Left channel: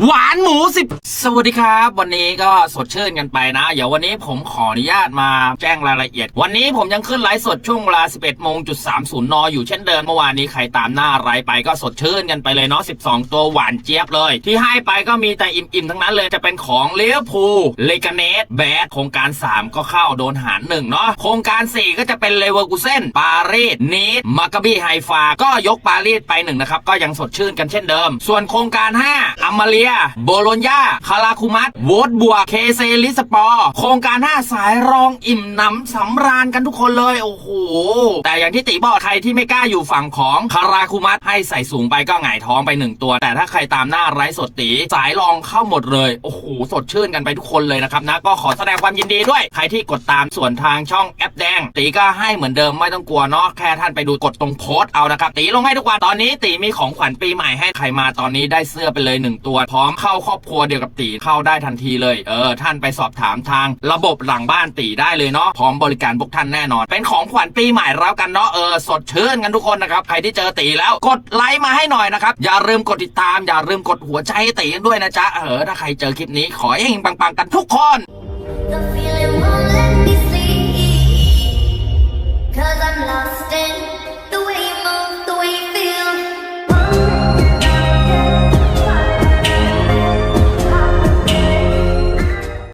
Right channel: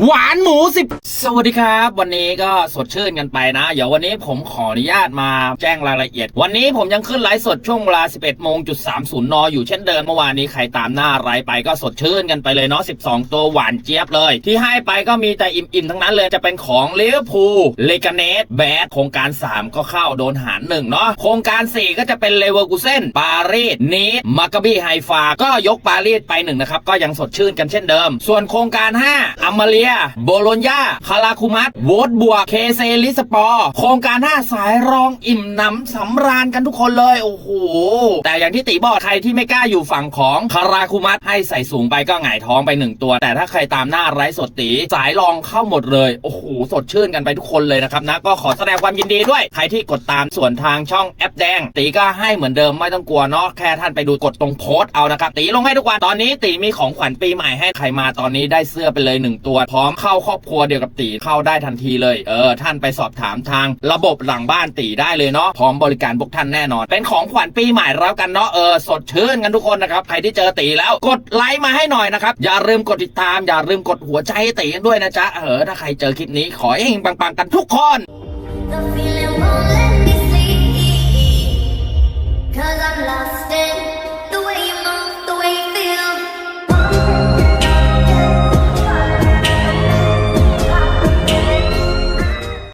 หวานหมูสิบสวัสดีครับ วันนี้ก็สดชื่นกันไปนะ เดี๋ยววันนี้ผมขออนุญาตมาแจ้งรายละเอียด วันนี้ผมยังขึ้นไลฟ์สดช่วงเวลา 11โมงจุด30 น อยู่เช่นเดิมเมื่อวานนี้ใครตามหน้าไลฟ์ไปก็สดชื่นกันไปเลยเนาะ 12 ตัวหวานเจี๊ยบเลย ที่ให้ไปก็มีแต่อิ่มๆ ทั้งนั้นเลยจะเป็นของเลี้ยวภูเลกาเนสแบดโครงการ 3 ก็เข้าโดนหารหนึ่งเนาะโครงการ 4 ก็จะเป็นเลเวอร์กูเซนปารีสนีสมากาบีไฮฟาก็ยกปารีสไปหนึ่งนะครับก็ยังสดชื่นกันเช่นเดิม ส่วนโครงการ5อัมมาเลีย โบโลญญาคาราคุมัตโวตบวกเคเซลิสปอร์ โครงการ 5 สายรองอิ่มหนำสำราญกันทุกคนเลย โอ้โห แต่อย่างที่ตีบอกใครที่ไม่กล้าอยู่ฝั่งของคาราคุมัตให้ใส่สูงไปก็หงายท้องไปหนึ่งตัว แต่ถ้าใครตามหน้าไร้สดตีสายรองเข้าหมดเลย โอ้โห สดชื่นกันไปทุกคนเลยนะครับนะ ก็ขอแสดงความยินดีด้วย ใครที่กดตามส่วนทางช่องแอปแดง ตีก็ให้เหมือนเดิมไม่ต้องกลัวเนาะ แค่ท่านไปดูกดตรงโพสต์เอานะครับ ตีลงให้ทุกวัน ตอนนี้ตีมีของขวัญปีใหม่ให้ใครมาตอนนี้ได้เสื้อไปเลยหนึ่งตัวพร้อมเข้าครอบครัวเดียวกับตีเข้าได้ทันทีเลย เออ ท่านไปสอบถามทางระบบหลังบ้านตีได้เลยเนาะพร้อมบริการพวกท่านแน่นอน เป็นของขวัญปีใหม่แล้วกันเนาะเออสดชื่นกันทุกคนนะครับใครที่เจอตีแล้วกดไลค์มาให้หน่อยนะครับอย่าลืมกดติดตามอย่าลืมกดหัวใจใตีกันด้วยนะจ๊ะเออถ้าใครเจอคลิปนี้ขอให้เฮงปังๆกันทุกคน The feeling won't let me